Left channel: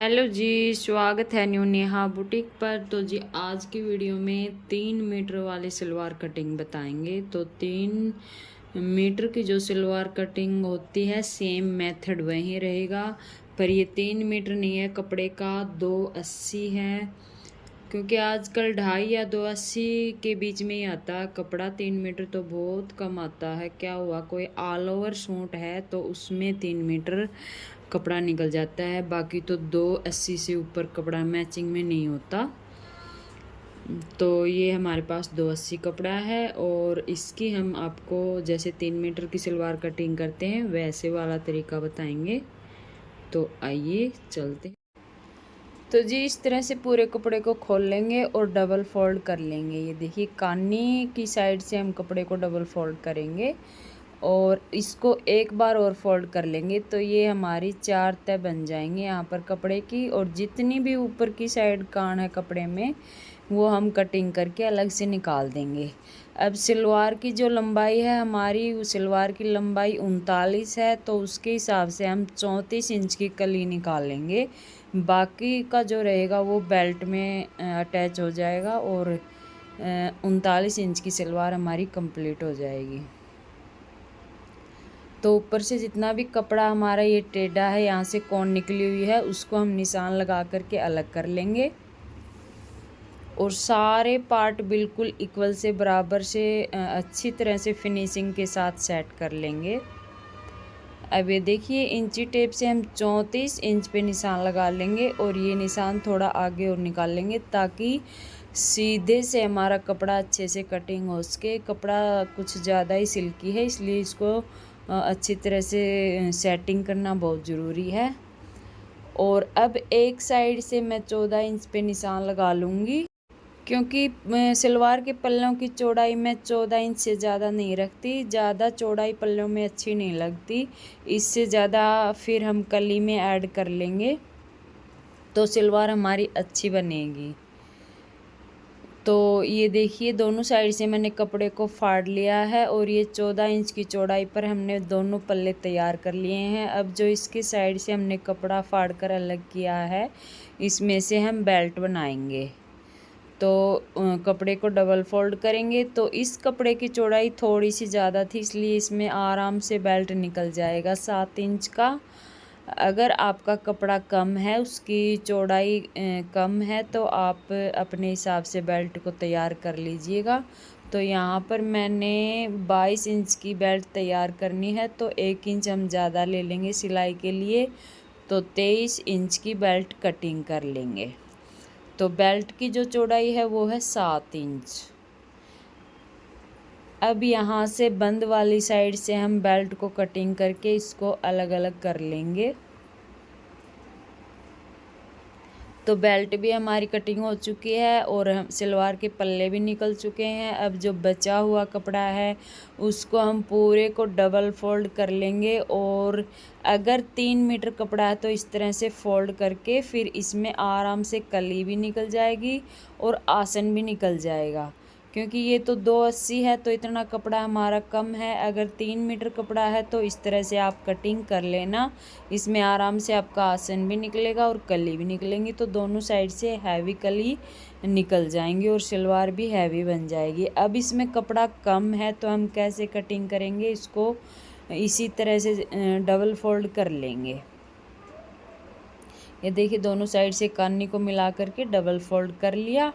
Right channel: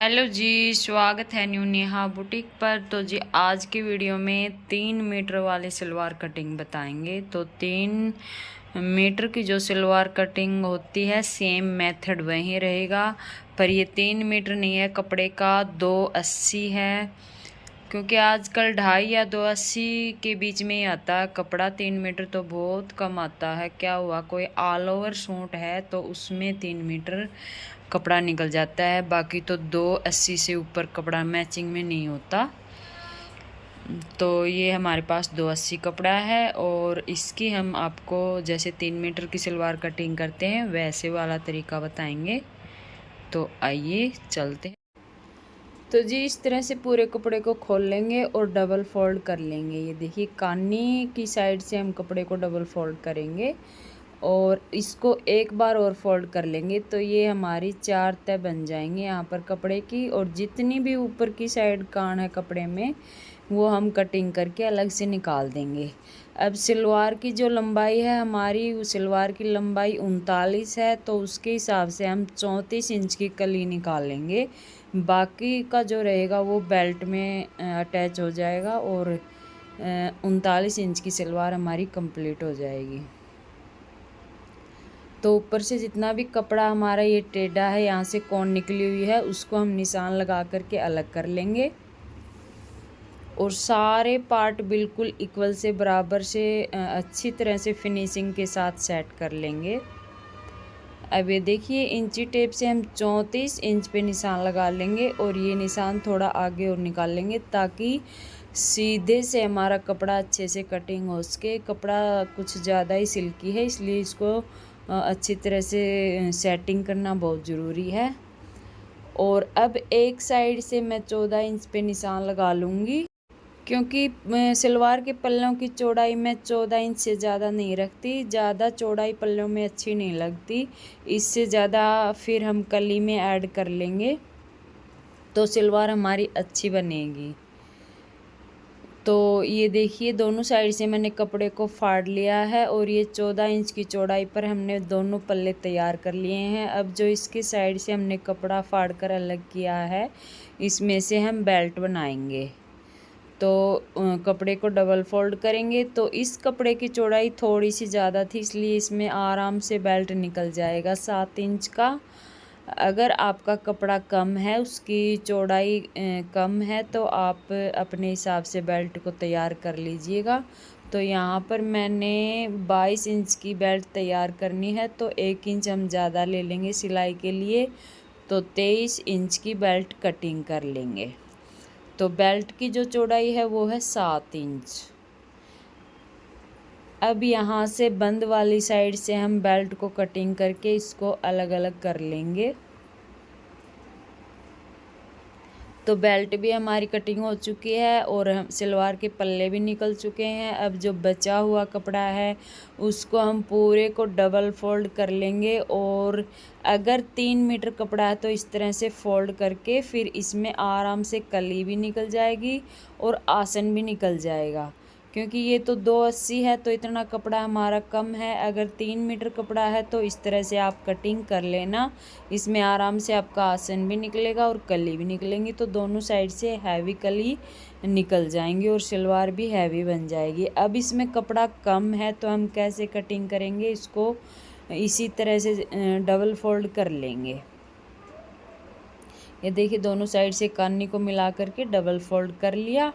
Hello जी, स्वागत है new Neha boutique पर। तो जी आज की वीडियो में 3 मीटर वाली सलवार कटिंग बताएंगे। तो 3 मीटर की जो सलवार कटिंग होती है सेम मेथड वही रहेगा, पर ये 3 मीटर नहीं है, कपड़े का 280 है, क्योंकि आजकल 2.5 या 280 के बीच में ही आता है कपड़ा। 3 मीटर तो बहुत कम आता है। क्या हुआ, कोई ऑल ओवर सूट है तो उसमें 3 मीटर कपड़ा निकल जाता है, बाकी तो 280 से ऊपर कपड़ा मैचिंग में नहीं होता। तो ये हमारे पास 280 कपड़ा है और इसकी हम आपको जैसे 3 मीटर की सलवार कटिंग करते हैं वैसे वाला तरीका बताएंगे। तो आइए चलते हैं। तो जी इस तरह से पूरे कपड़े को खोल लेंगे और डबल फोल्ड कर लेंगे। ये देखिए कानी की साइड से हम कपड़े को डबल फोल्ड करेंगे और इसको एक बार और फोल्ड कर लेंगे। तो ये हमारी 4 तह बन जाएंगी यहाँ पर कपड़े की। और जितनी भी ऊपर की साइड कान है कपड़े में वो हम कटिंग करके अलग से निकाल देंगे। अब सलवार की जो लंबाई है हमारी, सलवार की लंबाई 39 है, तो उसके हिसाब से हम 34 इंच की कली निकाल लेंगे। बाकी का जो रहेगा वो बेल्ट में अटैच हो जाएगा और 39 इंच की सलवार हमारी कंप्लीट हो जाएगी। तो ऊपर से जितना भी कपड़ा हमारा ये टेढ़ा है, यहाँ से कौन निकली हुई है, उसको हम निशान लगा करके अलग कर लेंगे और सारे पार्ट बिल्कुल इक्वल से बराबर से अच्छी तरह से फिनिशिंग के साथ सेट कर लेंगे। अब ये देखिए इंची टेप से हम 34 इंच पे निशान लगा लेंगे और ये निशान थोड़ा आगे और निकाल लेंगे ताकि सीधे से हमारा कपड़ा अच्छे से कटिंग हो सके। कपड़ा कुछ ज़्यादा ही सिल्की है, इसलिए इसको अच्छी तरह से सेटिंग करना बहुत ज़रूरी है। और अब एक साइड से मैं 14 इंच पे निशान लगा लूँगी, क्योंकि सलवार के पल्लों की चौड़ाई मैं 14 इंच से ज़्यादा नहीं रखती। ज़्यादा चौड़ाई पल्लों में अच्छी नहीं लगती, इससे ज़्यादा फिर हम कली में ऐड कर लेंगे तो सलवार हमारी अच्छी बनेगी। तो ये देखिए दोनों साइड से मैंने कपड़े को फाड़ लिया है और ये 14 इंच की चौड़ाई पर हमने दोनों पल्ले तैयार कर लिए हैं। अब जो इसके साइड से हमने कपड़ा फाड़ कर अलग किया है, इसमें से हम बेल्ट बनाएंगे। तो कपड़े को डबल फोल्ड करेंगे। तो इस कपड़े की चौड़ाई थोड़ी सी ज़्यादा थी, इसलिए इसमें आराम से बेल्ट निकल जाएगा 7 इंच का। अगर आपका कपड़ा कम है, उसकी चौड़ाई कम है, तो आप अपने हिसाब से बेल्ट को तैयार कर लीजिएगा। तो यहाँ पर मैंने 22 इंच की बेल्ट तैयार करनी है, तो 1 इंच हम ज़्यादा ले लेंगे सिलाई के लिए, तो 23 इंच की बेल्ट कटिंग कर लेंगे। तो बेल्ट की जो चौड़ाई है वो है 7 इंच। अब यहाँ से बंद वाली साइड से हम बेल्ट को कटिंग करके इसको अलग अलग कर लेंगे। तो बेल्ट भी हमारी कटिंग हो चुकी है और हम सलवार के पल्ले भी निकल चुके हैं। अब जो बचा हुआ कपड़ा है उसको हम पूरे को डबल फोल्ड कर लेंगे और अगर 3 मीटर कपड़ा है तो इस तरह से फोल्ड करके फिर इसमें आराम से कली भी निकल जाएगी और आसन भी निकल जाएगा। क्योंकि ये तो 280 है तो इतना कपड़ा हमारा कम है। अगर 3 मीटर कपड़ा है तो इस तरह से आप कटिंग कर लेना, इसमें आराम से आपका आसन भी निकलेगा और कली भी निकलेंगी। तो दोनों साइड से हैवी कली निकल जाएंगी और सलवार भी हैवी बन जाएगी। अब इसमें कपड़ा कम है तो हम कैसे कटिंग करेंगे, इसको इसी तरह से डबल फोल्ड कर लेंगे। ये देखिए दोनों साइड से कानी को मिला करके डबल फोल्ड कर लिया।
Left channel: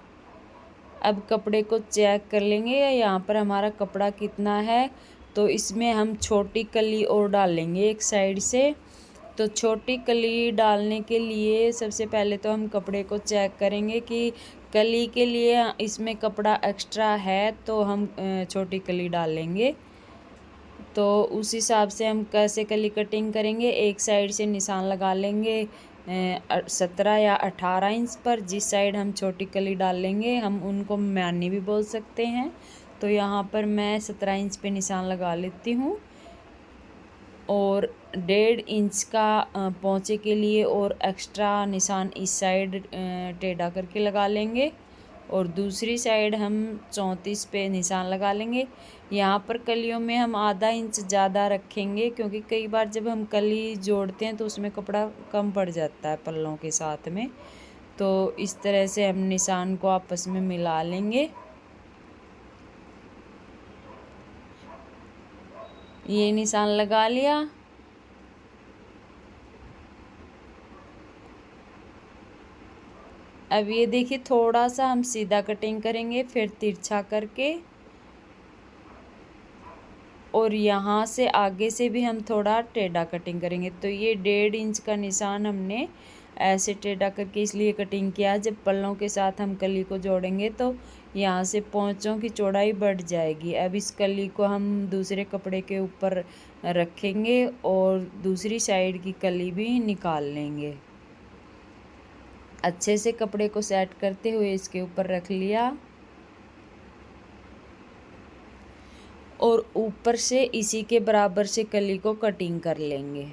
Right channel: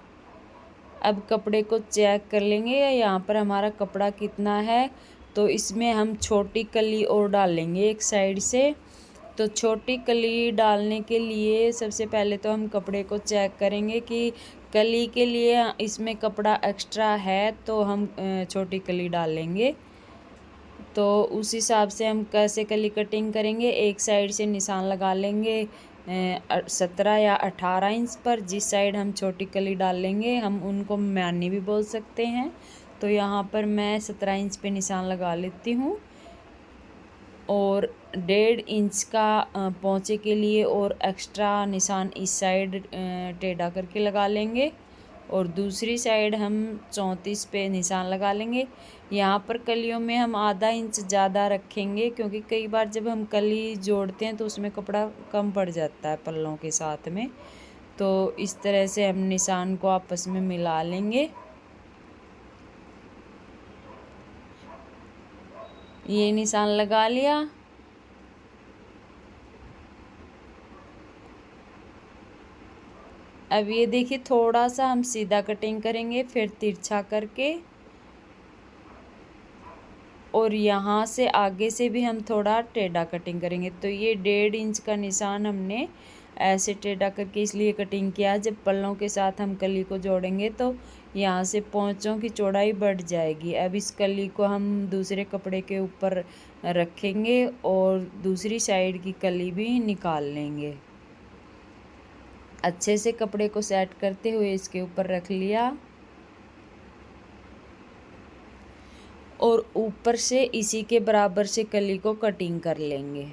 अब कपड़े को चेक कर लेंगे यहाँ पर हमारा कपड़ा कितना है। तो इसमें हम छोटी कली और डाल लेंगे एक साइड से। तो छोटी कली डालने के लिए सबसे पहले तो हम कपड़े को चेक करेंगे कि कली के लिए इसमें कपड़ा एक्स्ट्रा है, तो हम छोटी कली डाल लेंगे। तो उस हिसाब से हम कैसे कली कटिंग करेंगे, एक साइड से निशान लगा लेंगे 17 या 18 इंच पर। जिस साइड हम छोटी कली डाल लेंगे हम उनको म्यानी भी बोल सकते हैं। तो यहाँ पर मैं 17 इंच पे निशान लगा लेती हूँ और 1.5 इंच का पोंचे के लिए और एक्स्ट्रा निशान इस साइड टेढ़ा करके लगा लेंगे और दूसरी साइड हम 34 पे निशान लगा लेंगे। यहाँ पर कलियों में हम आधा इंच ज़्यादा रखेंगे, क्योंकि कई बार जब हम कली जोड़ते हैं तो उसमें कपड़ा कम पड़ जाता है पल्लों के साथ में। तो इस तरह से हम निशान को आपस में मिला लेंगे। ये निशान लगा लिया। अब ये देखिए, थोड़ा सा हम सीधा कटिंग करेंगे, फिर तिरछा करके, और यहाँ से आगे से भी हम थोड़ा टेढ़ा कटिंग करेंगे। तो ये 1.5 इंच का निशान हमने ऐसे टेढ़ा करके इसलिए कटिंग किया, जब पल्लों के साथ हम कली को जोड़ेंगे तो यहाँ से पोंचों की चौड़ाई बढ़ जाएगी। अब इस कली को हम दूसरे कपड़े के ऊपर रखेंगे और दूसरी साइड की कली भी निकाल लेंगे। अच्छे से कपड़े को सेट करते हुए इसके ऊपर रख लिया, और ऊपर से इसी के बराबर से कली को कटिंग कर लेंगे।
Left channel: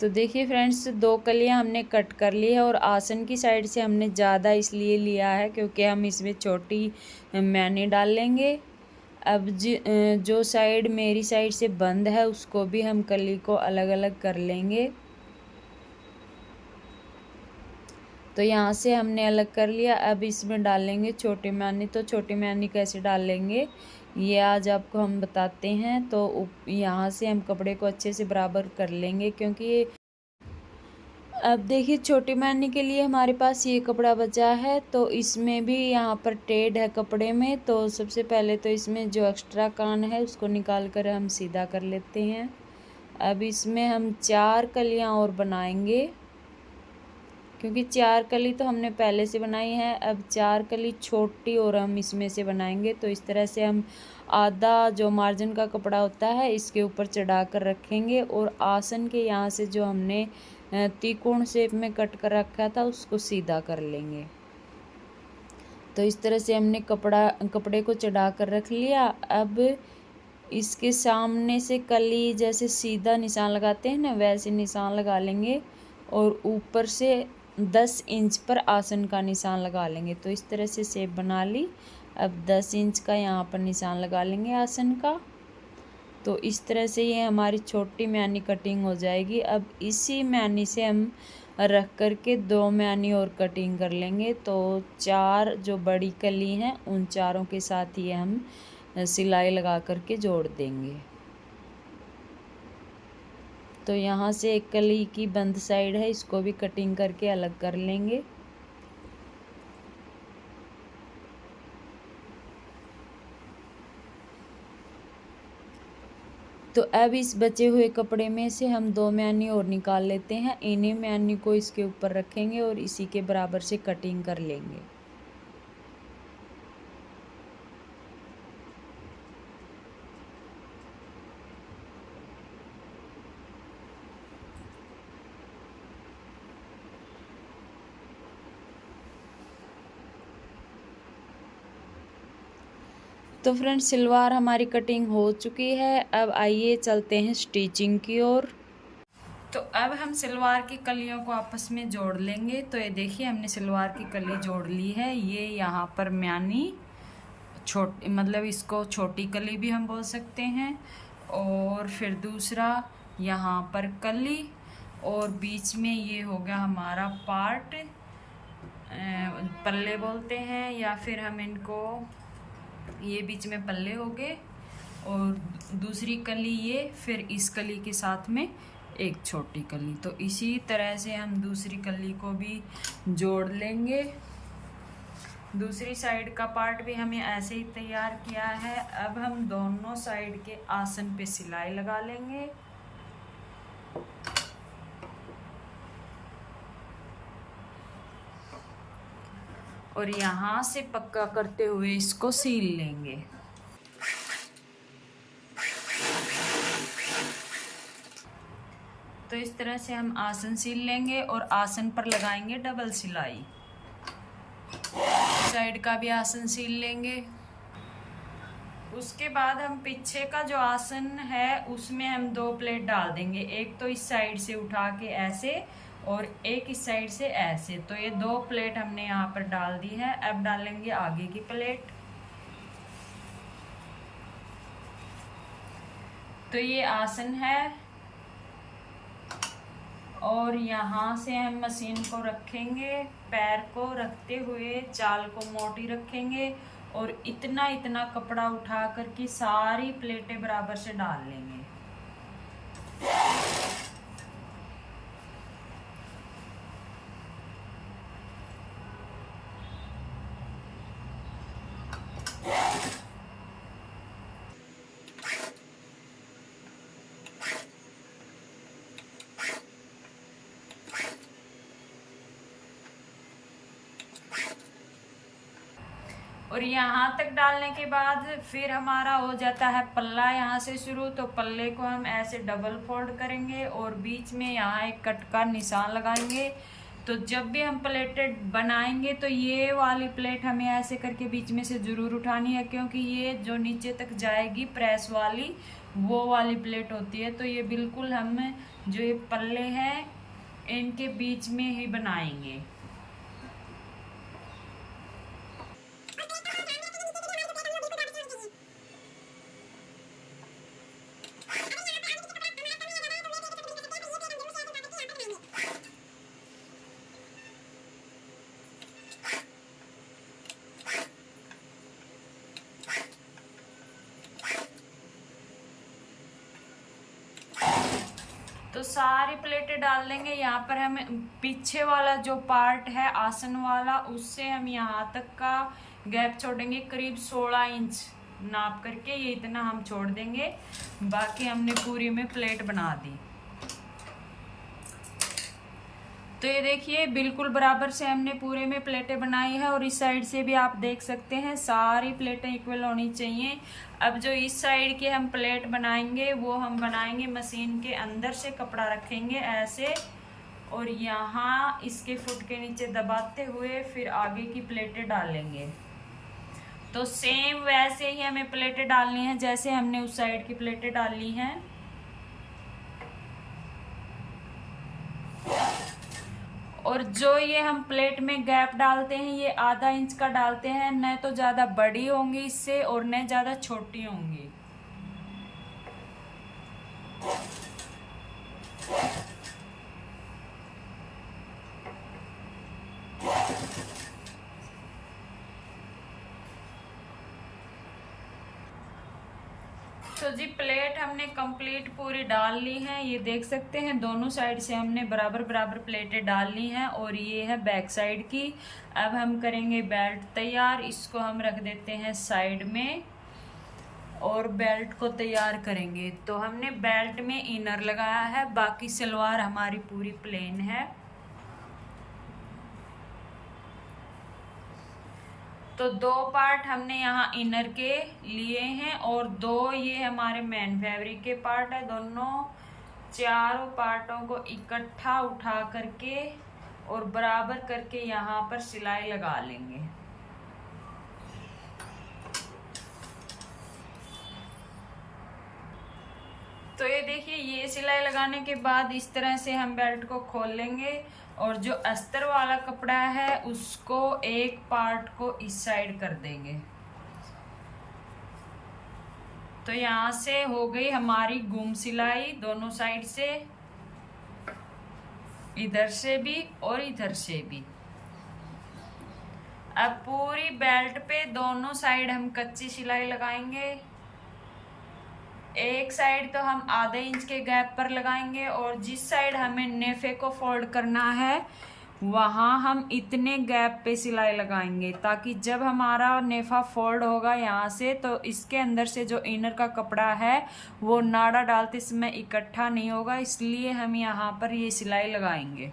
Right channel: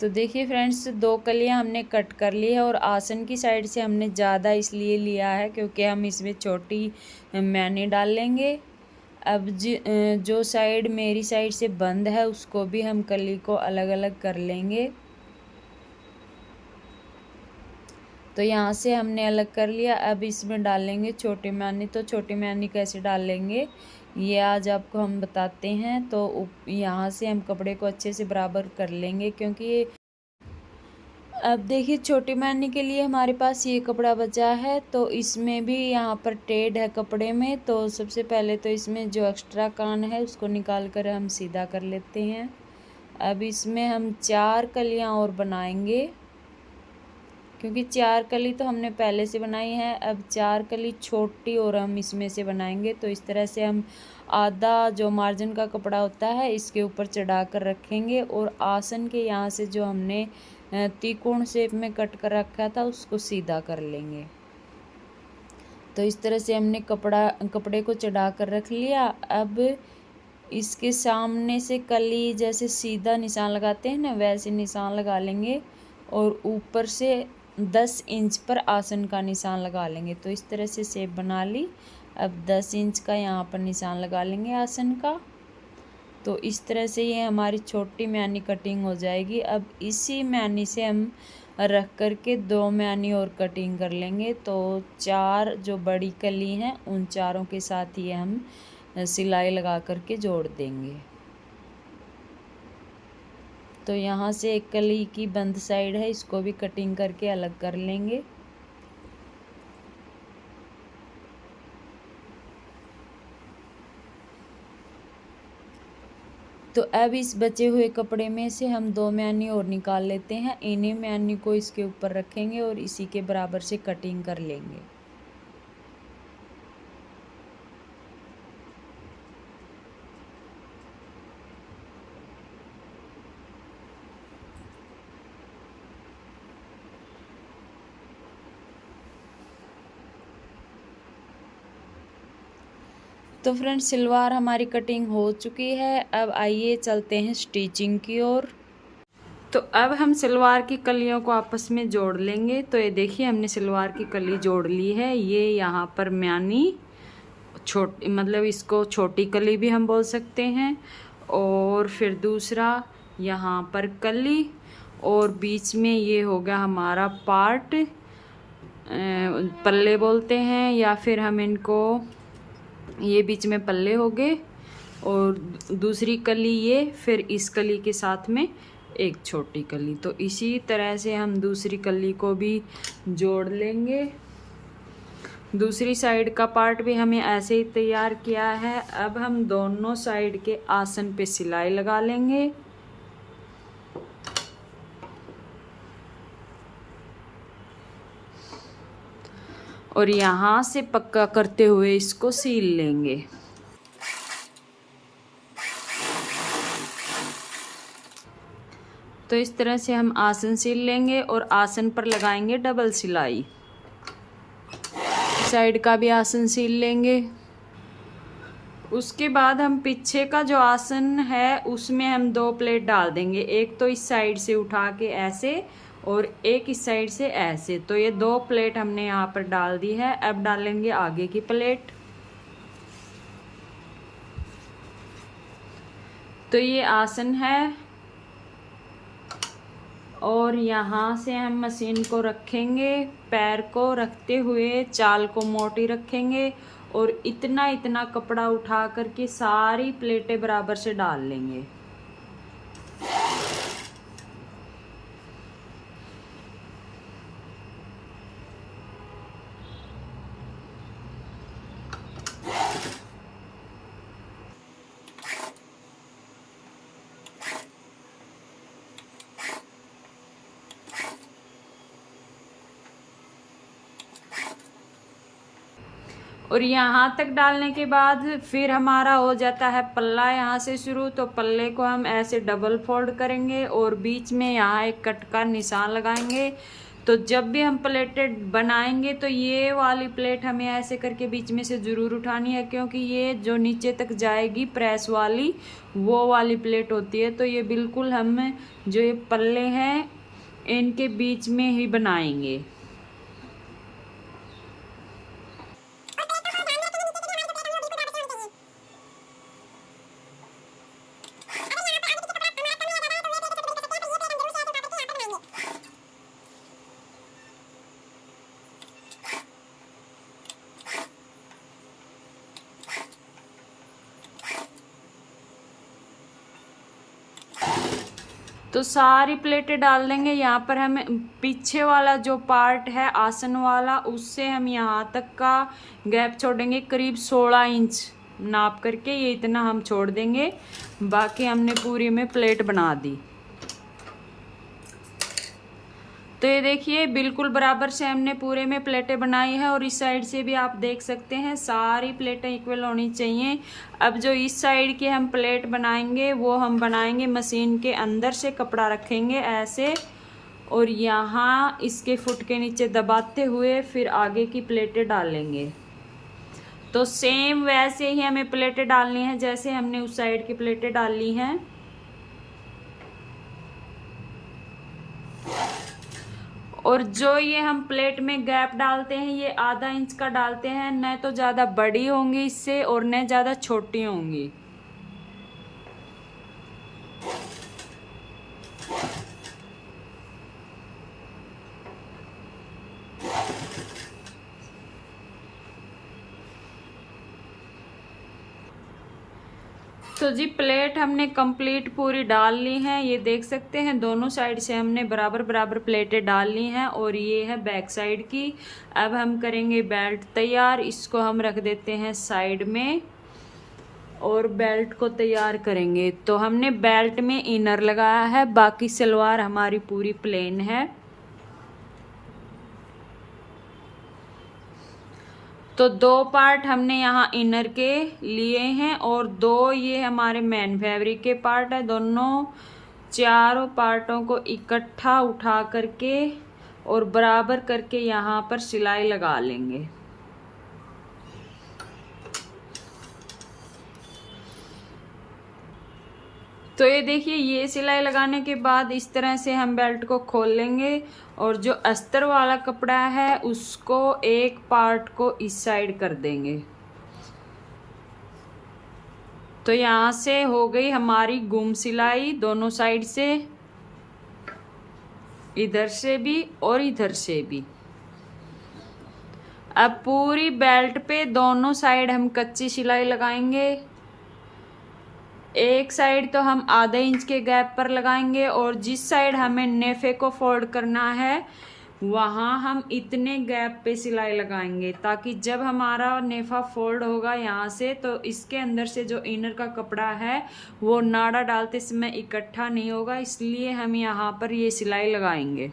तो देखिए फ्रेंड्स, 2 कलियां हमने कट कर ली है, और आसन की साइड से हमने ज़्यादा इसलिए लिया है क्योंकि हम इसमें छोटी मैनी डाल लेंगे। अब जो साइड मेरी साइड से बंद है उसको भी हम कली को अलग अलग कर लेंगे। तो यहाँ से हमने अलग कर लिया। अब इसमें डालेंगे छोटी मैनी। तो छोटी मैनी कैसे डालेंगे ये आज आपको हम बताते हैं। तो यहाँ से हम कपड़े को अच्छे से बराबर कर लेंगे, क्योंकि ये अब देखिए छोटी मैनी के लिए हमारे पास ये कपड़ा बचा है, तो इसमें भी यहाँ पर टेढ़ है कपड़े में। तो सबसे पहले तो इसमें जो एक्स्ट्रा कान है उसको निकाल कर हम सीधा कर लेते हैं। अब इसमें हम 4 कलियाँ और बनाएंगे, क्योंकि 4 कली तो हमने पहले से बनाई है। अब 4 कली छोटी और हम इसमें से बनाएंगे। तो इस तरह से हम आधा जो मार्जिन का कपड़ा होता है इसके ऊपर चढ़ा कर रखेंगे, और आसन के यहाँ से जो हमने त्रिकोण शेप में कट कर रखा था उसको सीधा कर लेंगे। तो इस तरह से हमने कपड़े को चढ़ा कर रख लिया। अब इसके सामने से कली जैसे सीधा निशान लगाते हैं ना, वैसे निशान लगा लेंगे, और ऊपर से 10 इंच पर आसन का निशान लगा लेंगे। तो इस तरह से शेप बना ली। अब 10 इंच का यहाँ पर निशान लगा लेंगे आसन का। तो इस तरह से ये हमारी छोटी मैनी कटिंग हो जाएगी। अब इसी मैनी से हम रख करके 2 मैनी और कटिंग कर लेंगे। तो 4 जो बड़ी कली हैं उन चारों के साथ ये हम सिलाई लगा करके जोड़ देंगे। तो यहाँ से एक कली की बंद साइड है, इसको भी कटिंग करके अलग कर लेंगे। तो अब इस बचे हुए कपड़े में से हम 2 मैनी और निकाल लेते हैं। इन्हीं मैनी को इसके ऊपर रखेंगे और इसी के बराबर से कटिंग कर लेंगे। तो फ्रेंड्स, सलवार हमारी कटिंग हो चुकी है। अब आइए चलते हैं स्टिचिंग की ओर। तो अब हम सलवार की कलियों को आपस में जोड़ लेंगे। तो ये देखिए, हमने सलवार की कली जोड़ ली है। ये यहाँ पर म्यानी छोटी, मतलब इसको छोटी कली भी हम बोल सकते हैं, और फिर दूसरा यहाँ पर कली, और बीच में ये होगा हमारा पार्ट, पल्ले बोलते हैं, या फिर हम इनको, ये बीच में पल्ले हो गए, और दूसरी कली ये, फिर इस कली के साथ में एक छोटी कली। तो इसी तरह से हम दूसरी कली को भी जोड़ लेंगे। दूसरी साइड का पार्ट भी हमें ऐसे ही तैयार किया है। अब हम दोनों साइड के आसन पे सिलाई लगा लेंगे। और यहाँ से पक्का करते हुए इसको सील लेंगे। तो इस तरह से हम आसन सील लेंगे और आसन पर लगाएंगे डबल सिलाई। साइड का भी आसन सील लेंगे। उसके बाद हम पीछे का जो आसन है उसमें हम 2 प्लेट डाल देंगे, एक तो इस साइड से उठा के ऐसे और एक इस साइड से ऐसे। तो ये 2 प्लेट हमने यहाँ पर डाल दी है। अब डालेंगे आगे की प्लेट। तो ये आसन है और यहाँ से हम मशीन को रखेंगे, पैर को रखते हुए चाल को मोटी रखेंगे और इतना इतना कपड़ा उठा करके सारी प्लेटें बराबर से डाल लेंगे। और यहाँ तक डालने के बाद फिर हमारा हो जाता है पल्ला यहाँ से शुरू। तो पल्ले को हम ऐसे डबल फोल्ड करेंगे और बीच में यहाँ एक कट का निशान लगाएंगे। तो जब भी हम प्लेटें बनाएंगे तो ये वाली प्लेट हमें ऐसे करके बीच में से ज़रूर उठानी है, क्योंकि ये जो नीचे तक जाएगी प्रेस वाली वो वाली प्लेट होती है। तो ये बिल्कुल हम जो ये पल्ले हैं इनके बीच में ही बनाएंगे। तो सारी प्लेटें डाल देंगे। यहाँ पर हम पीछे वाला जो पार्ट है आसन वाला उससे हम यहाँ तक का गैप छोड़ेंगे, करीब 16 इंच नाप करके ये इतना हम छोड़ देंगे। बाकी हमने पूरी में प्लेट बना दी। तो ये देखिए बिल्कुल बराबर से हमने पूरे में प्लेटें बनाई है और इस साइड से भी आप देख सकते हैं सारी प्लेटें इक्वल होनी चाहिए। अब जो इस साइड की हम प्लेट बनाएंगे वो हम बनाएंगे मशीन के अंदर से कपड़ा रखेंगे ऐसे और यहाँ इसके फुट के नीचे दबाते हुए फिर आगे की प्लेटें डालेंगे। तो सेम वैसे ही हमें प्लेटें डालनी है जैसे हमने उस साइड की प्लेटें डाली हैं। और जो ये हम प्लेट में गैप डालते हैं ये आधा इंच का डालते हैं, न तो ज़्यादा बड़ी होंगी इससे और न ज़्यादा छोटी होंगी। तो जी प्लेट हमने कंप्लीट पूरी डाल ली है। ये देख सकते हैं दोनों साइड से हमने बराबर बराबर प्लेटें डाल ली हैं और ये है बैक साइड की। अब हम करेंगे बेल्ट तैयार। इसको हम रख देते हैं साइड में और बेल्ट को तैयार करेंगे। तो हमने बेल्ट में इनर लगाया है, बाकी सलवार हमारी पूरी प्लेन है। तो 2 पार्ट हमने यहाँ इनर के लिए हैं और 2 ये हमारे मेन फैब्रिक के पार्ट है। दोनों चारों पार्टों को इकट्ठा उठा करके और बराबर करके यहाँ पर सिलाई लगा लेंगे। तो ये देखिए ये सिलाई लगाने के बाद इस तरह से हम बेल्ट को खोल लेंगे और जो अस्तर वाला कपड़ा है उसको एक पार्ट को इस साइड कर देंगे। तो यहाँ से हो गई हमारी गुम सिलाई दोनों साइड से, इधर से भी और इधर से भी। अब पूरी बेल्ट पे दोनों साइड हम कच्ची सिलाई लगाएंगे। एक साइड तो हम आधे इंच के गैप पर लगाएंगे और जिस साइड हमें नेफे को फोल्ड करना है वहाँ हम इतने गैप पे सिलाई लगाएंगे ताकि जब हमारा नेफा फोल्ड होगा यहाँ से तो इसके अंदर से जो इनर का कपड़ा है वो नाड़ा डालते समय इकट्ठा नहीं होगा, इसलिए हम यहाँ पर ये सिलाई लगाएंगे।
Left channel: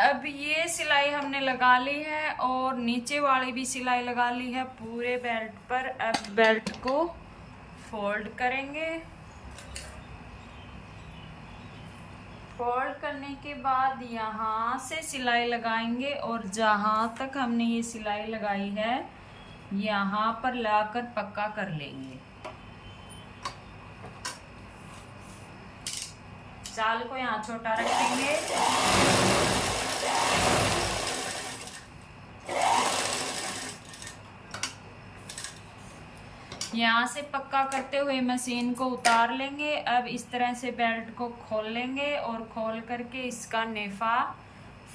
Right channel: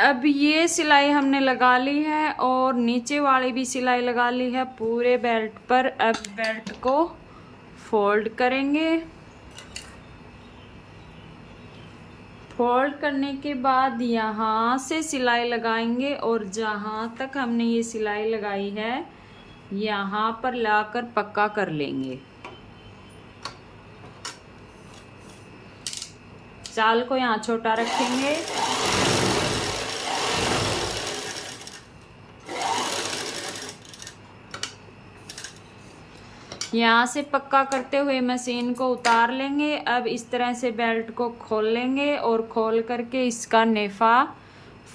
अब ये सिलाई हमने लगा ली है और नीचे वाली भी सिलाई लगा ली है पूरे बेल्ट पर। अब बेल्ट को फोल्ड करेंगे। फोल्ड करने के बाद यहाँ से सिलाई लगाएंगे और जहाँ तक हमने ये सिलाई लगाई है यहाँ पर लाकर पक्का कर लेंगे। चाल को यहाँ छोटा रखेंगे। यहाँ से पक्का करते हुए मशीन को उतार लेंगे। अब इस तरह से बेल्ट को खोल लेंगे और खोल करके इसका नेफा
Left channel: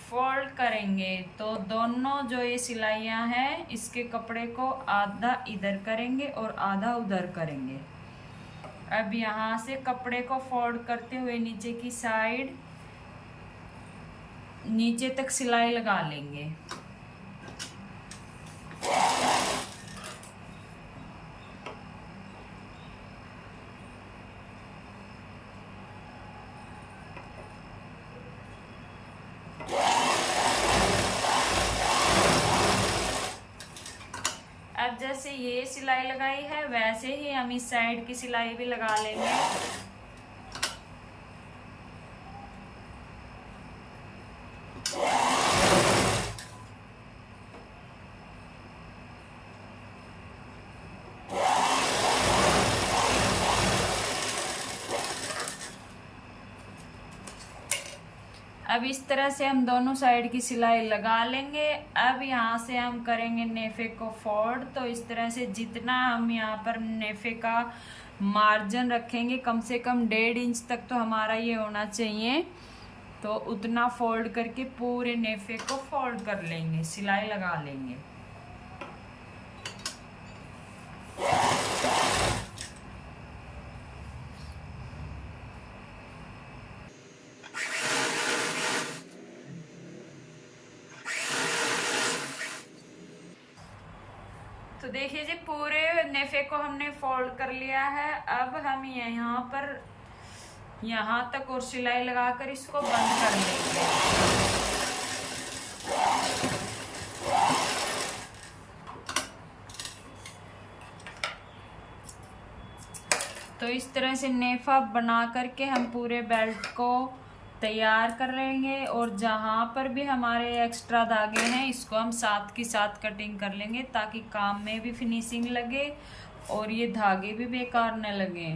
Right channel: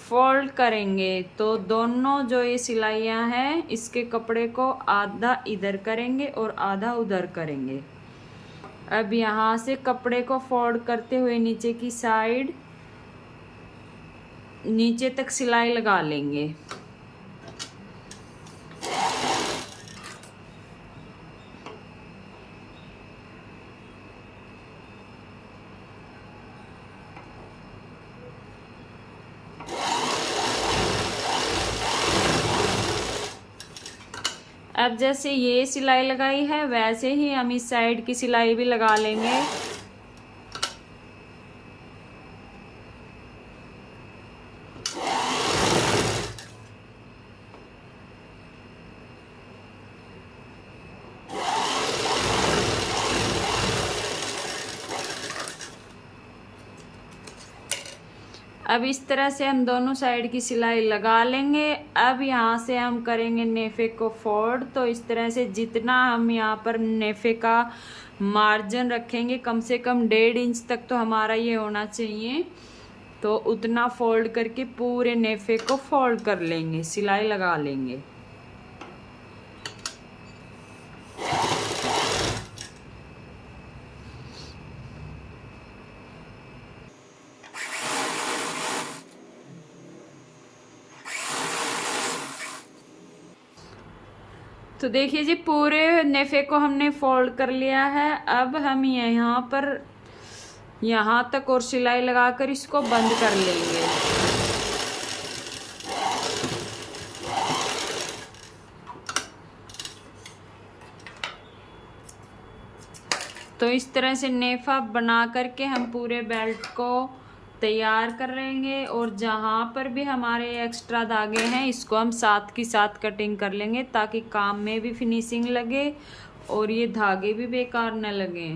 फोल्ड करेंगे। तो दोनों जो ये सिलाइयाँ हैं इसके कपड़े को आधा इधर करेंगे और आधा उधर करेंगे। अब यहाँ से कपड़े को फोल्ड करते हुए नीचे की साइड नीचे तक सिलाई लगा लेंगे। अब जैसे ये सिलाई लगाई है वैसे ही हम इस साइड की सिलाई भी लगा लेंगे। अब इस तरह से हम दोनों साइड की सिलाई लगा लेंगे। अब यहाँ से हम करेंगे नेफे को फोल्ड। तो इस तरह से जितना हम यहाँ पर नेफे का मार्जिन रखेंगे कम से कम 1.5 इंच तक तो हमारा ये होना चाहिए। तो उतना फोल्ड करके पूरे नेफे को फोल्ड कर लेंगे, सिलाई लगा लेंगे। तो देखिए जी पूरे नेफे को हमने फोल्ड कर लिया है। अब हम यहाँ पर यहाँ तक और सिलाई लगाकर इसको बंद कर लेंगे। तो इस तरह से नेफा बना करके हम पूरे बेल्ट को तैयार कर लेंगे और जहाँ पर भी हमारे एक्स्ट्रा धागे हैं इसको हम साथ की साथ कटिंग कर लेंगे ताकि काम में भी फिनिशिंग लगे और ये धागे भी बेकार न लगे।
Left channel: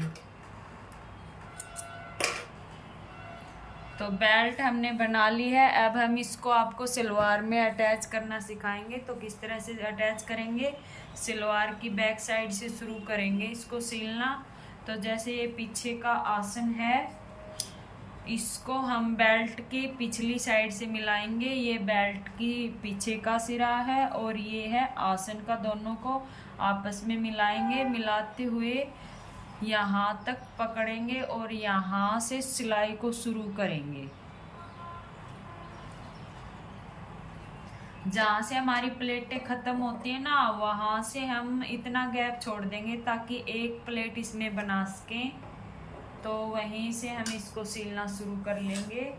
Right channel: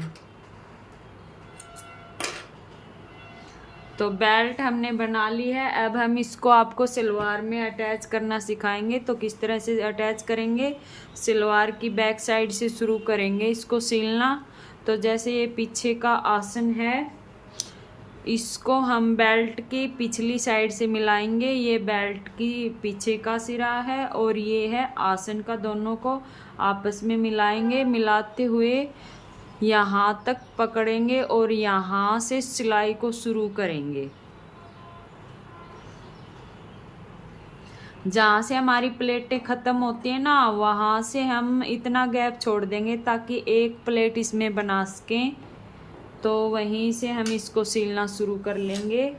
तो बेल्ट हमने बना ली है। अब हम इसको आपको सलवार में अटैच करना सिखाएंगे। तो किस तरह से अटैच करेंगे, सलवार की बैक साइड से शुरू करेंगे इसको सिलना। तो जैसे ये पीछे का आसन है इसको हम बेल्ट की पिछली साइड से मिलाएंगे। ये बेल्ट की पीछे का सिरा है और ये है आसन का, दोनों को आपस में मिलाएंगे। मिलाते हुए यहाँ तक पकड़ेंगे और यहाँ से सिलाई को शुरू करेंगे। जहाँ से हमारी प्लेटें ख़त्म होती हैं ना वहाँ से हम इतना गैप छोड़ देंगे ताकि एक प्लेट इसमें बना सकें। तो वहीं से हम इसको सिलना शुरू कर लेंगे।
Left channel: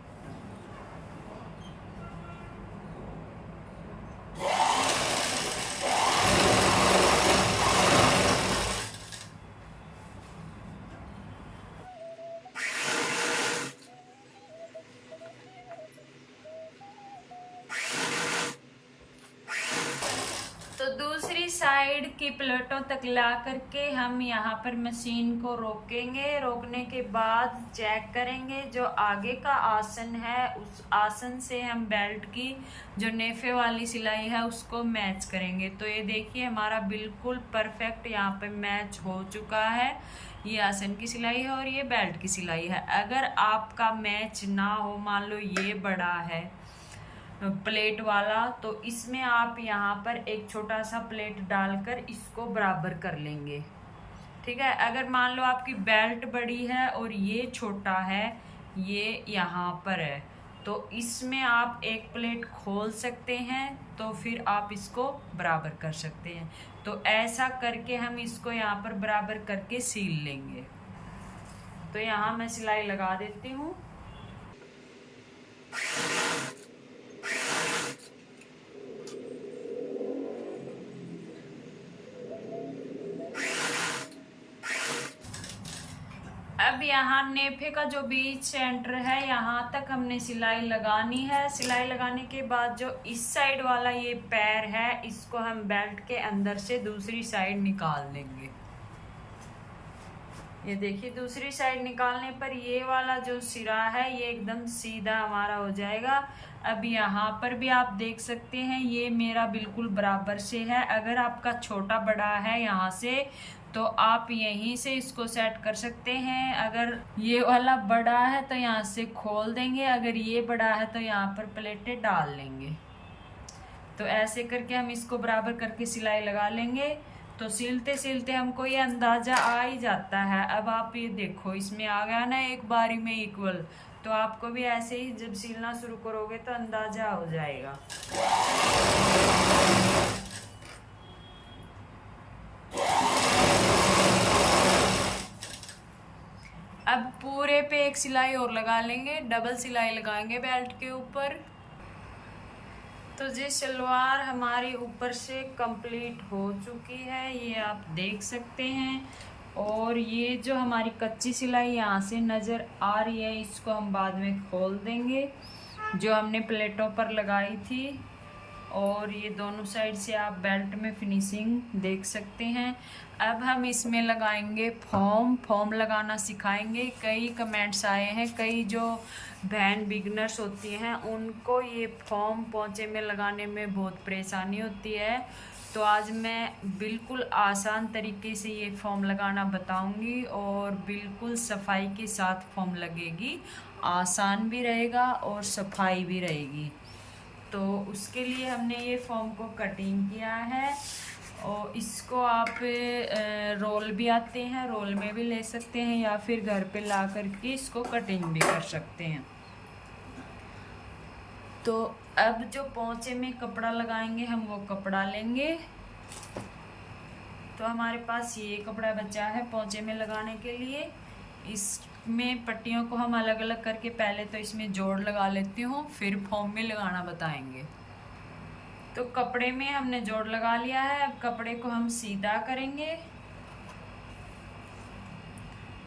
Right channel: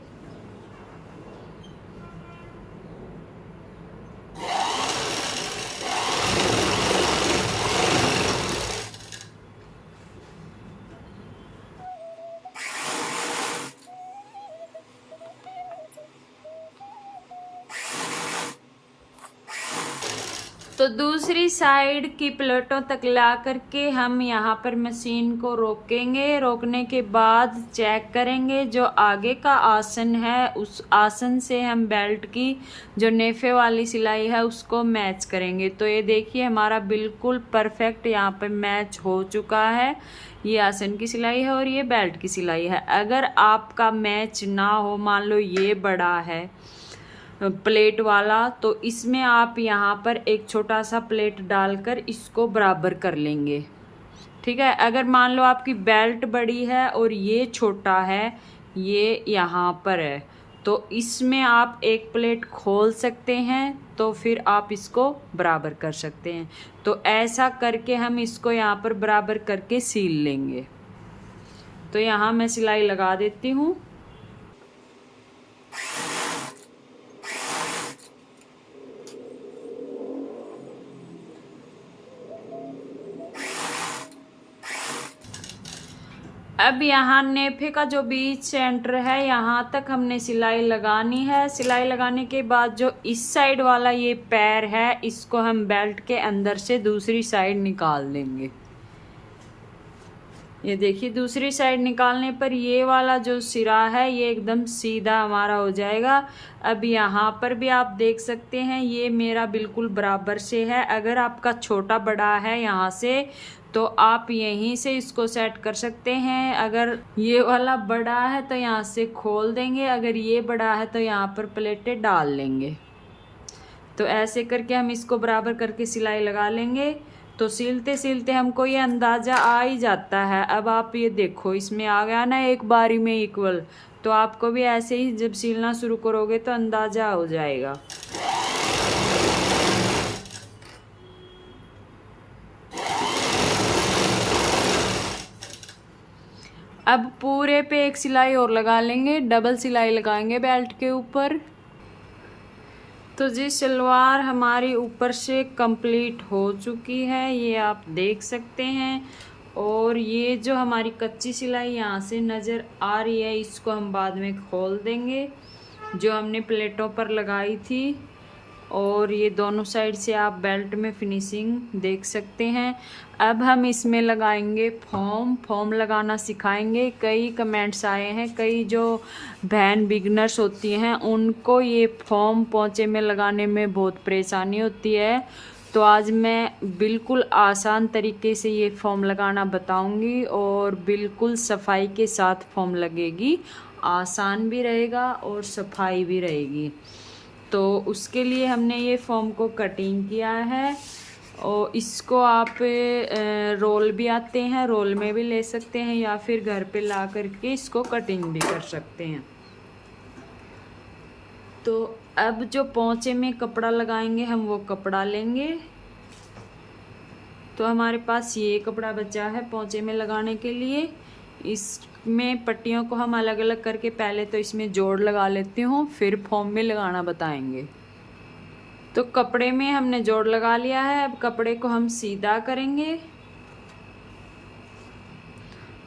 तो दूसरी साइड की प्लेटों तक ला करके हम यहाँ पर मशीन को रोकेंगे। रोकने के बाद चेक करेंगे जो आगे का आसन है उस आसन से हम बेल्ट की जो नेफे वाली सिलाई है उसको मैच करेंगे। तो ये देखिए हमारा बिल्कुल परफेक्ट यहाँ पे मैच हो चुका है। ये आसन की सिलाई है और ये बेल्ट की सिलाई है। अगर आपका मैच ना हो, मान लो ये बड़ा है प्लेट वाला, तो इसमें आप यहाँ पर एक छोटा सा प्लेट डालकर इसको बराबर कर लेंगे। ठीक है। अगर मान लो आपकी बेल्ट बड़ी है और ये छोटा है, ये यहाँ पर है, तो इसमें आप एक प्लेट खोल सकते हैं तो फिर आप इसको बराबर कर सकते हैं। तो ऐसा करके हम इसको यहाँ पर बराबर करके सील लेंगे। तो यहाँ मैं सिलाई लगा देती हूँ। अब यहाँ नेफे का जो बीच सेंटर है यहाँ तक हमने सिलाई लगानी है। सिलाई लगाने के बाद जो इस साइड वाला ये पैर है इसको हम बेल्ट के अंदर से दूसरी साइड निकाल देंगे। ये देखिए दूसरी साइड निकालने पर ये वाला जो सिरा है ये एकदम सीधा हमारा हो जाएगा। अब यहाँ पर भी आप देख सकते हैं ये मेरा बिल्कुल बराबर से है। अगर आपका छोटा बड़ा है यहाँ से तो आप यहीं से इसको सेट कर सकते हैं। अगर ये वाला बड़ा है तो यहाँ से खोल देंगे, अगर ये बड़ा है तो यहाँ पर प्लेटें डाल लेंगे। तो ऐसे करके हम इसको बराबर करके सिलाई लगा लेंगे। तो सिलते सिलते हमको ये अंदाज़ा आ ही जाता है। अब आप ये देखो इसमें आ गया ना एक बारी में इक्वल, तो आपको भी ऐसे ही जब सिलना शुरू करोगे तो अंदाज़ा हो जाएगा। अब पूरे पे एक सिलाई और लगा लेंगे, डबल सिलाई लगाएंगे बेल्ट के ऊपर। तो जी सलवार हमारी ऊपर से कंप्लीट हो चुकी है, ये आप देख सकते हैं। और ये जो हमारी कच्ची सिलाई यहाँ से नज़र आ रही है इसको हम बाद में खोल देंगे, जो हमने प्लेटों पर लगाई थी। और ये दोनों साइड से आप बेल्ट में फिनिशिंग देख सकते हैं। अब हम इसमें लगाएंगे फॉर्म लगाना सिखाएंगे। कई कमेंट्स आए हैं, कई जो बहन बिगनर्स होती हैं उनको ये फॉर्म पोंचे में लगाने में बहुत परेशानी होती है। तो आज मैं बिल्कुल आसान तरीके से ये फॉर्म लगाना बताऊंगी और बिल्कुल सफाई के साथ फॉर्म लगेगी, आसान भी रहेगा और सफाई भी रहेगी। तो उसके लिए हमने ये फॉर्म को कटिंग किया है और इसको आप रोल भी आते हैं, रोल में भी ले सकते हैं या फिर घर पे ला करके इसको कटिंग भी कर सकते हैं। तो अब जो पोंचे में कपड़ा लगाएंगे हम वो कपड़ा लेंगे। तो हमारे पास ये कपड़ा बचा है पोंचे में लगाने के लिए। इसमें पट्टियों को हम अलग अलग करके पहले तो इसमें जोड़ लगा लेती हूँ, फिर फॉर्म में लगाना बताएंगे। तो कपड़े में हमने जोड़ लगा लिया है, अब कपड़े को हम सीधा करेंगे।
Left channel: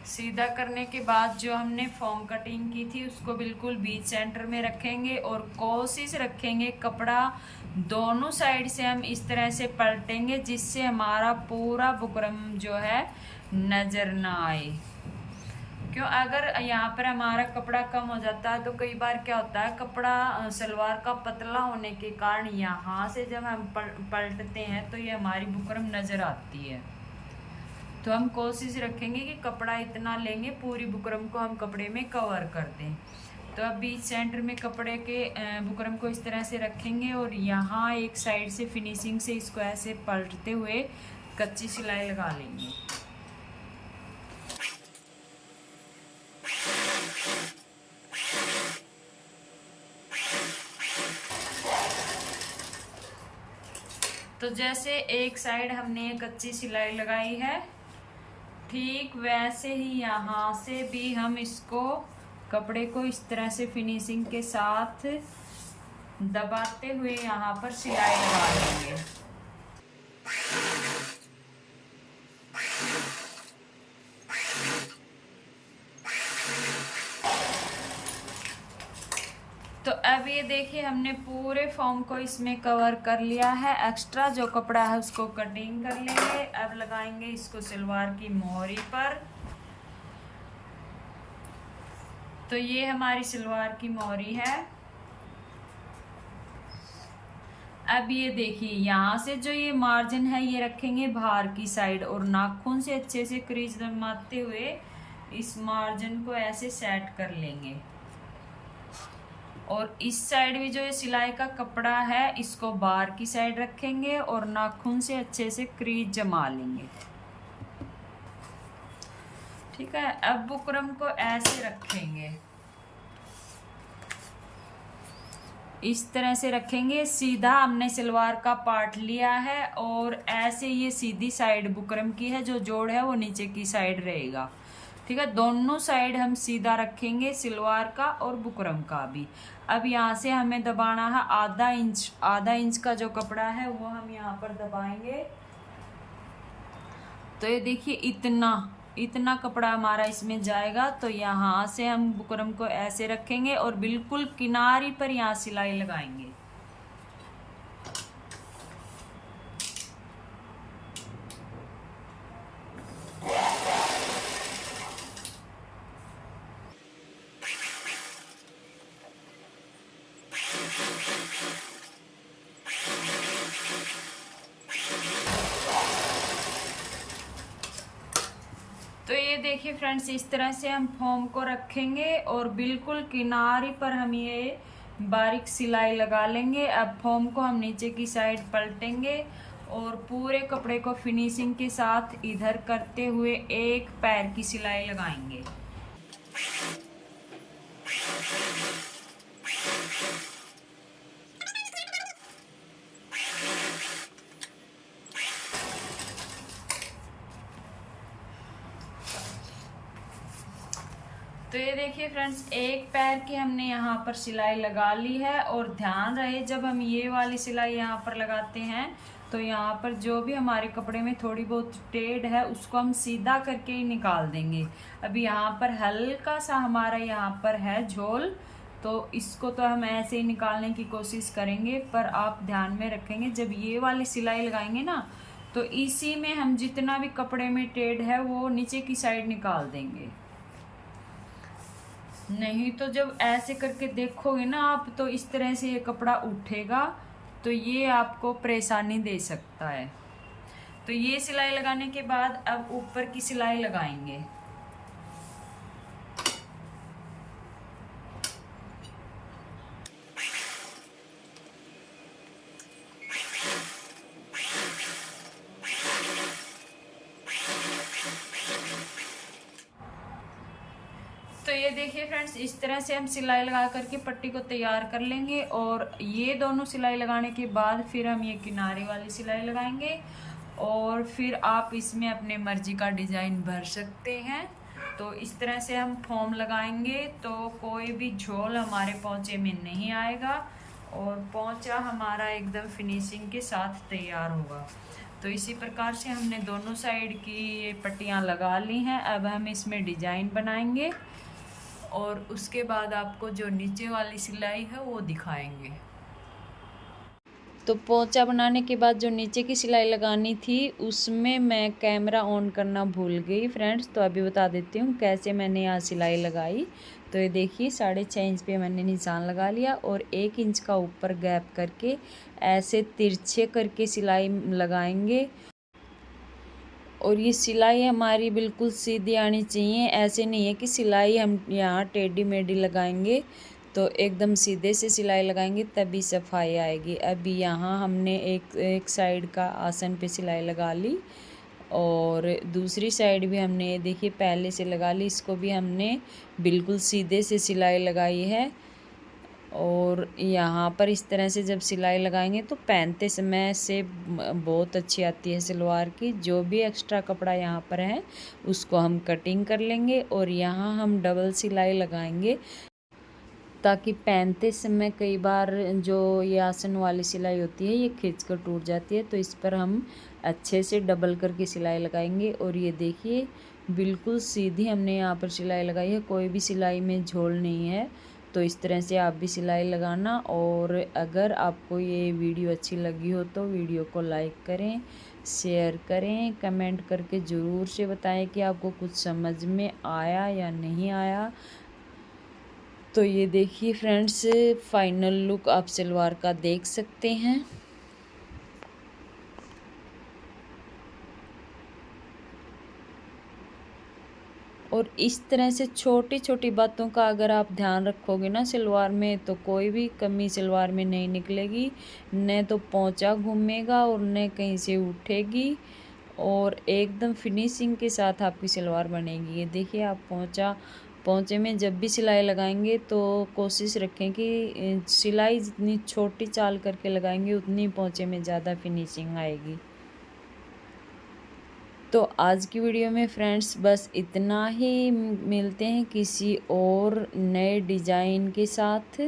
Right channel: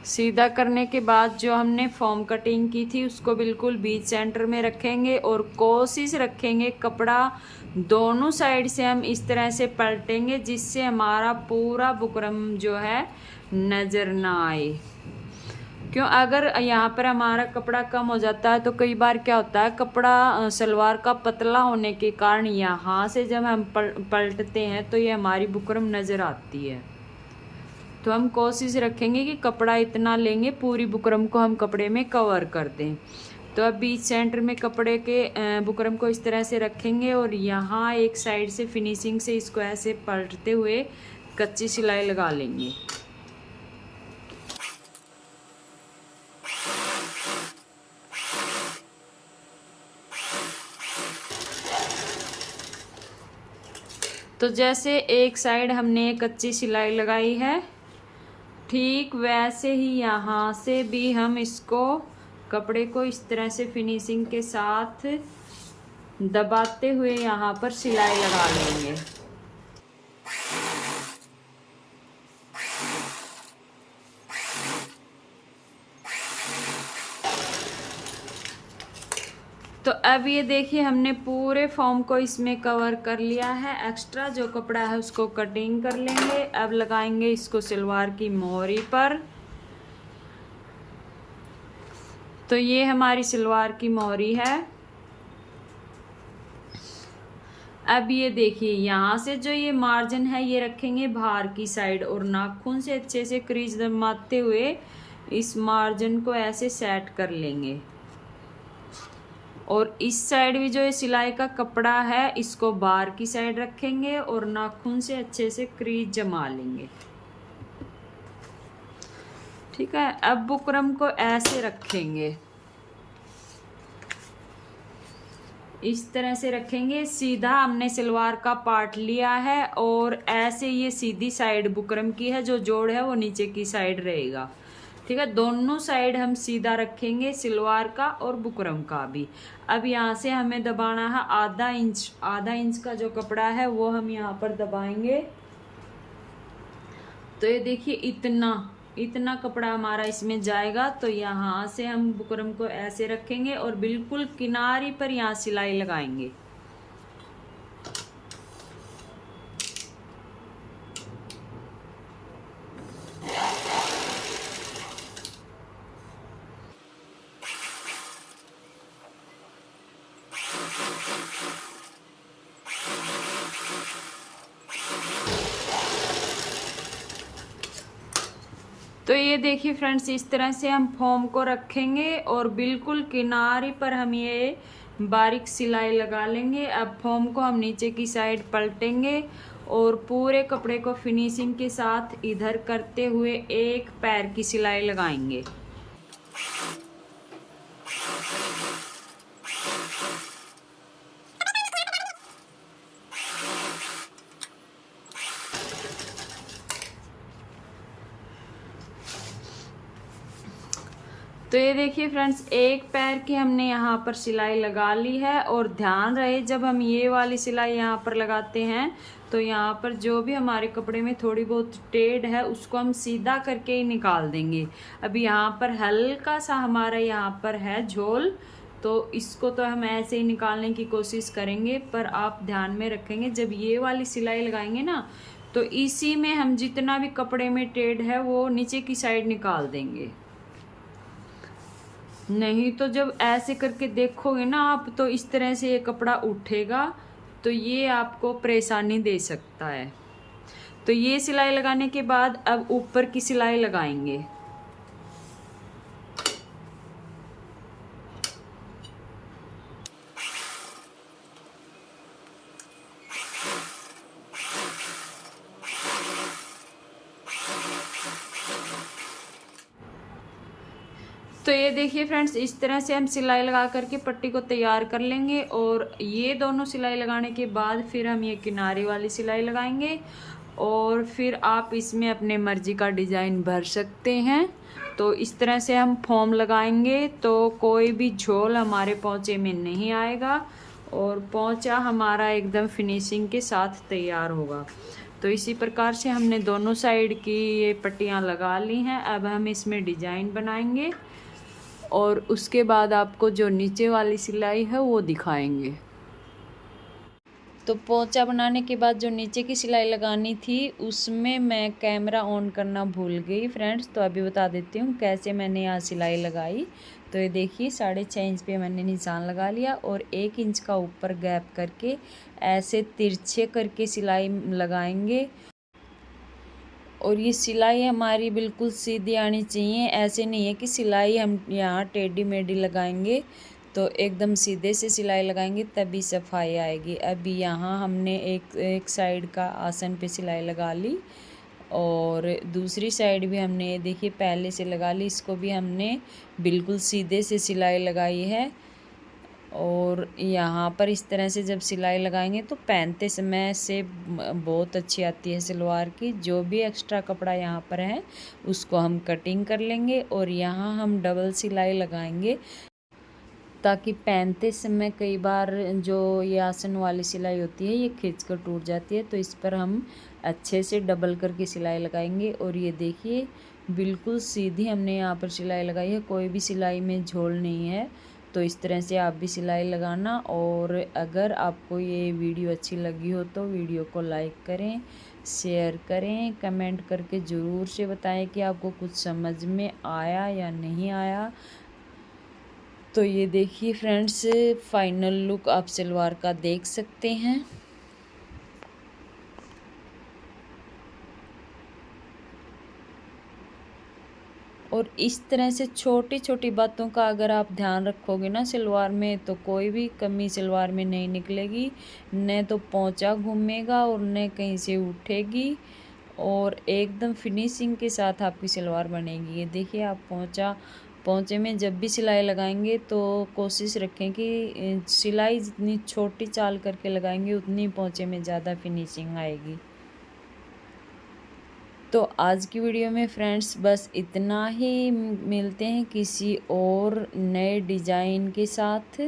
सीधा करने के बाद जो हमने फॉर्म कटिंग की थी उसको बिल्कुल बीच सेंटर में रखेंगे और कोशिश रखेंगे कपड़ा दोनों साइड से हम इस तरह से पलटेंगे जिससे हमारा पूरा बुकरम जो है नज़र ना आए। क्यों, अगर यहाँ पर हमारा कपड़ा कम हो जाता है तो कई बार क्या होता है कपड़ा सलवार का पतला होने के कारण यहाँ से जब हम पलटते हैं तो ये हमारी बुकरम नज़र आती है। तो हम कोशिश रखेंगे कि कपड़ा इतना लेंगे पूरी बुकरम को हम कपड़े में कवर कर दें। तो अब बीच सेंटर में कपड़े के बुकरम को इस तरह से रखेंगे और यहाँ एक साइड से फिनिशिंग से इसको ऐसे पलटते हुए कच्ची सिलाई लगा लेंगे। तो जैसे एक साइड हमने कच्ची सिलाई लगाई है ठीक वैसे ही यहाँ से भी हम इसको कपड़े को इस तरह से फिनिशिंग के साथ दबाते हुए यहाँ पर सिलाई लगा लेंगे। तो अब ये देखिए हमने पूरे फॉर्म को इसमें कवर कर लिया है। एक्स्ट्रा जो कपड़ा है उसको कटिंग कर लेंगे। अब लगाएंगे इसको सलवार की मोहरी पर। तो ये हमारी सलवार की मोहरी है। अब ये देखिए यहाँ से जो ये मार्जिन है ये रखेंगे बाहर की साइड और नाखून से अच्छे से क्रीज दबाते हुए इस मार्जिन को ऐसे सेट कर लेंगे। और इस साइड भी जो ये सिलाई का कपड़ा है इसको बाहर की साइड रखेंगे और नाखून से अच्छे से क्रीज जमा लेंगे। ठीक है, अब बुकरम को ऐसे रखेंगे, इस तरह से रखेंगे। सीधा हमने सलवार का पार्ट लिया है और ऐसे ये सीधी साइड बुकरम की है, जो जोड़ है वो नीचे की साइड रहेगा। ठीक है, दोनों साइड हम सीधा रखेंगे, सलवार का और बुकरम का भी। अब यहाँ से हमें दबाना है आधा इंच। आधा इंच का जो कपड़ा है वो हम यहाँ पर दबाएंगे। तो ये देखिए इतना इतना कपड़ा हमारा इसमें जाएगा। तो यहाँ से हम बुकरम को ऐसे रखेंगे और बिल्कुल किनारी पर यहाँ सिलाई लगाएंगे। तो ये देखिए फ्रेंड्स, इस तरह से हम फॉर्म को रखेंगे और बिल्कुल किनारे पर हम ये बारीक सिलाई लगा लेंगे। अब फॉर्म को हम नीचे की साइड पलटेंगे और पूरे कपड़े को फिनिशिंग के साथ इधर करते हुए एक पैर की सिलाई लगाएंगे। तो ये देखिए फ्रेंड्स, एक पैर की हमने यहाँ पर सिलाई लगा ली है। और ध्यान रहे, जब हम ये वाली सिलाई यहाँ पर लगाते हैं तो यहाँ पर जो भी हमारे कपड़े में थोड़ी बहुत टेढ़ है उसको हम सीधा करके ही निकाल देंगे। अब यहाँ पर हल्का सा हमारा यहाँ पर है झोल, तो इसको तो हम ऐसे ही निकालने की कोशिश करेंगे। पर आप ध्यान में रखेंगे, जब ये वाली सिलाई लगाएंगे ना तो इसी में हम जितना भी कपड़े में टेढ़ है वो नीचे की साइड निकाल देंगे। नहीं तो जब ऐसे करके देखोगे ना आप, तो इस तरह से ये कपड़ा उठेगा, तो ये आपको परेशानी दे सकता है। तो ये सिलाई लगाने के बाद अब ऊपर की सिलाई लगाएंगे। तो ये देखिए फ्रेंड्स, इस तरह से हम सिलाई लगा करके पट्टी को तैयार कर लेंगे। और ये दोनों सिलाई लगाने के बाद फिर हम ये किनारे वाली सिलाई लगाएंगे और फिर आप इसमें अपने मर्जी का डिज़ाइन भर सकते हैं। तो इस तरह से हम फॉर्म लगाएंगे तो कोई भी झोल हमारे पोंचे में नहीं आएगा और पोंचा हमारा एकदम फिनिशिंग के साथ तैयार होगा। तो इसी प्रकार से हमने दोनों साइड की ये पट्टियाँ लगा ली हैं। अब हम इसमें डिज़ाइन बनाएंगे और उसके बाद आपको जो नीचे वाली सिलाई है वो दिखाएंगे। तो पोंचा बनाने के बाद जो नीचे की सिलाई लगानी थी उसमें मैं कैमरा ऑन करना भूल गई फ्रेंड्स। तो अभी बता देती हूँ कैसे मैंने यहाँ सिलाई लगाई। तो ये देखिए 6.5 इंच पे मैंने निशान लगा लिया और 1 इंच का ऊपर गैप करके ऐसे तिरछे करके सिलाई लगाएंगे। और ये सिलाई हमारी बिल्कुल सीधी आनी चाहिए। ऐसे नहीं है कि सिलाई हम यहाँ टेढ़ी मेढ़ी लगाएंगे, तो एकदम सीधे से सिलाई लगाएंगे तभी सफाई आएगी। अभी यहाँ हमने एक साइड का आसन पे सिलाई लगा ली और दूसरी साइड भी हमने देखिए पहले से लगा ली। इसको भी हमने बिल्कुल सीधे से सिलाई लगाई है। और यहाँ पर इस तरह से जब सिलाई लगाएंगे तो पहनते समय से बहुत अच्छी आती है सलवार की। जो भी एक्स्ट्रा कपड़ा यहाँ पर है उसको हम कटिंग कर लेंगे और यहाँ हम डबल सिलाई लगाएंगे ताकि पहनते समय कई बार जो ये आसन वाली सिलाई होती है ये खींच कर टूट जाती है। तो इस पर हम अच्छे से डबल करके सिलाई लगाएंगे। और ये देखिए बिल्कुल सीधी हमने यहाँ पर सिलाई लगाई है, कोई भी सिलाई में झोल नहीं है। तो इस तरह से आप भी सिलाई लगाना। और अगर आपको ये वीडियो अच्छी लगी हो तो वीडियो को लाइक करें, शेयर करें, कमेंट करके ज़रूर से बताएं कि आपको कुछ समझ में आया या नहीं आया। तो ये देखिए फ्रेंड्स, फाइनल लुक आप सलवार का देख सकते हैं। और इस तरह से छोटी छोटी बातों का अगर आप ध्यान रखोगे ना सलवार में, तो कोई भी कमी सलवार में नहीं निकलेगी। न तो पोंचा घूमेगा और न कहीं से उठेगी और एकदम फिनिशिंग के साथ आपकी सलवार बनेगी। ये देखिए आप पोंचे में जब भी सिलाई लगाएंगे तो कोशिश रखें कि सिलाई जितनी छोटी चाल करके लगाएंगे उतनी पोंचे में ज़्यादा फिनिशिंग आएगी। तो आज की वीडियो में फ्रेंड्स बस इतना ही। मिलते हैं किसी और नए डिज़ाइन के साथ।